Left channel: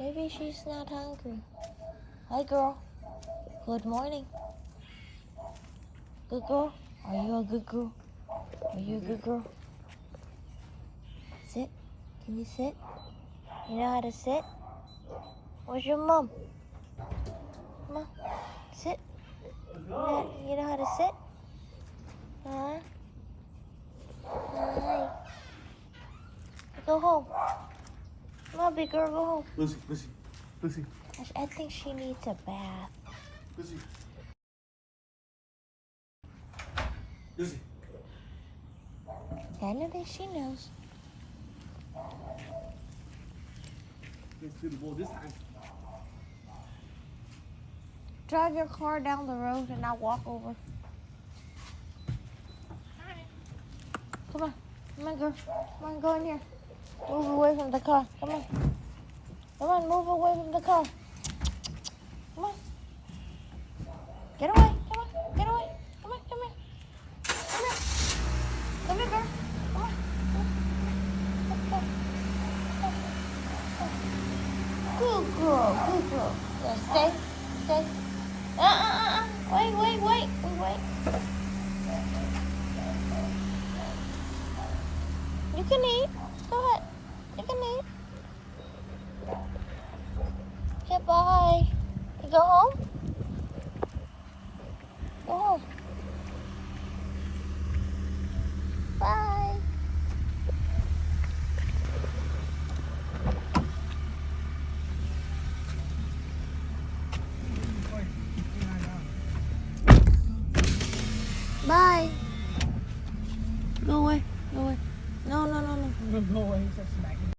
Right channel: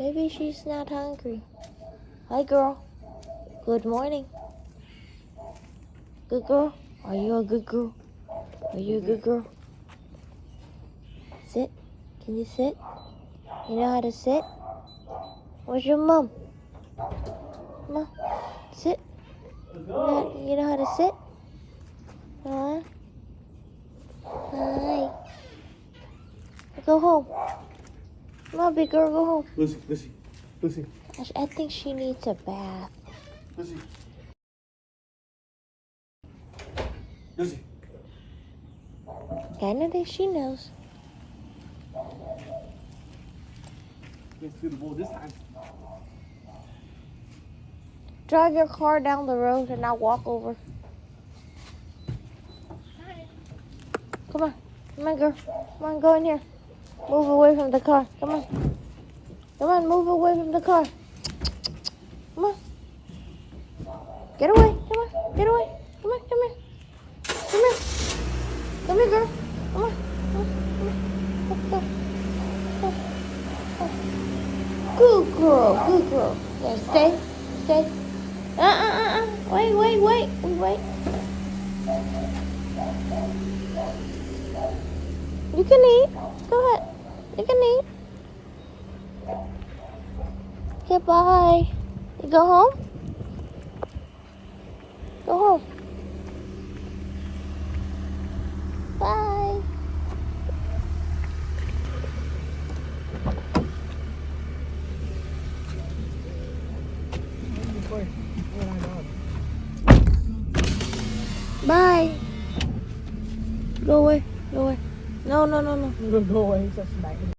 Maybe she's not hungry. Hi, girl. Good morning. Good girl. Are you a good girl? Are you a good girl? Sit. Can you sit? You know how to sit? Where's your mom? No. Sit. You know how to sit? Hi. Hi. Go home. Come on, big girl, go home. Lucy. I think she needs a bath. Lucy. Canada, she knows. Let's do the ball this time. Drive your car down the road and I'll walk over. Hi. Come on. Come on, girl. Come on, go in here. Move away from the car. Come on. Come on, move away from the car. Come on. Get away. Come on. Get away. Come on, come here. Come here. Come here, girl. Come on. Good girl. Good girl. Yeah, stay. Stay. Wait. You can eat. Go ahead. You can eat. Okay, bye. You go home? Go home. Bye. Bye. Go away. Go away. No. I'm gonna go away. He's just smacking.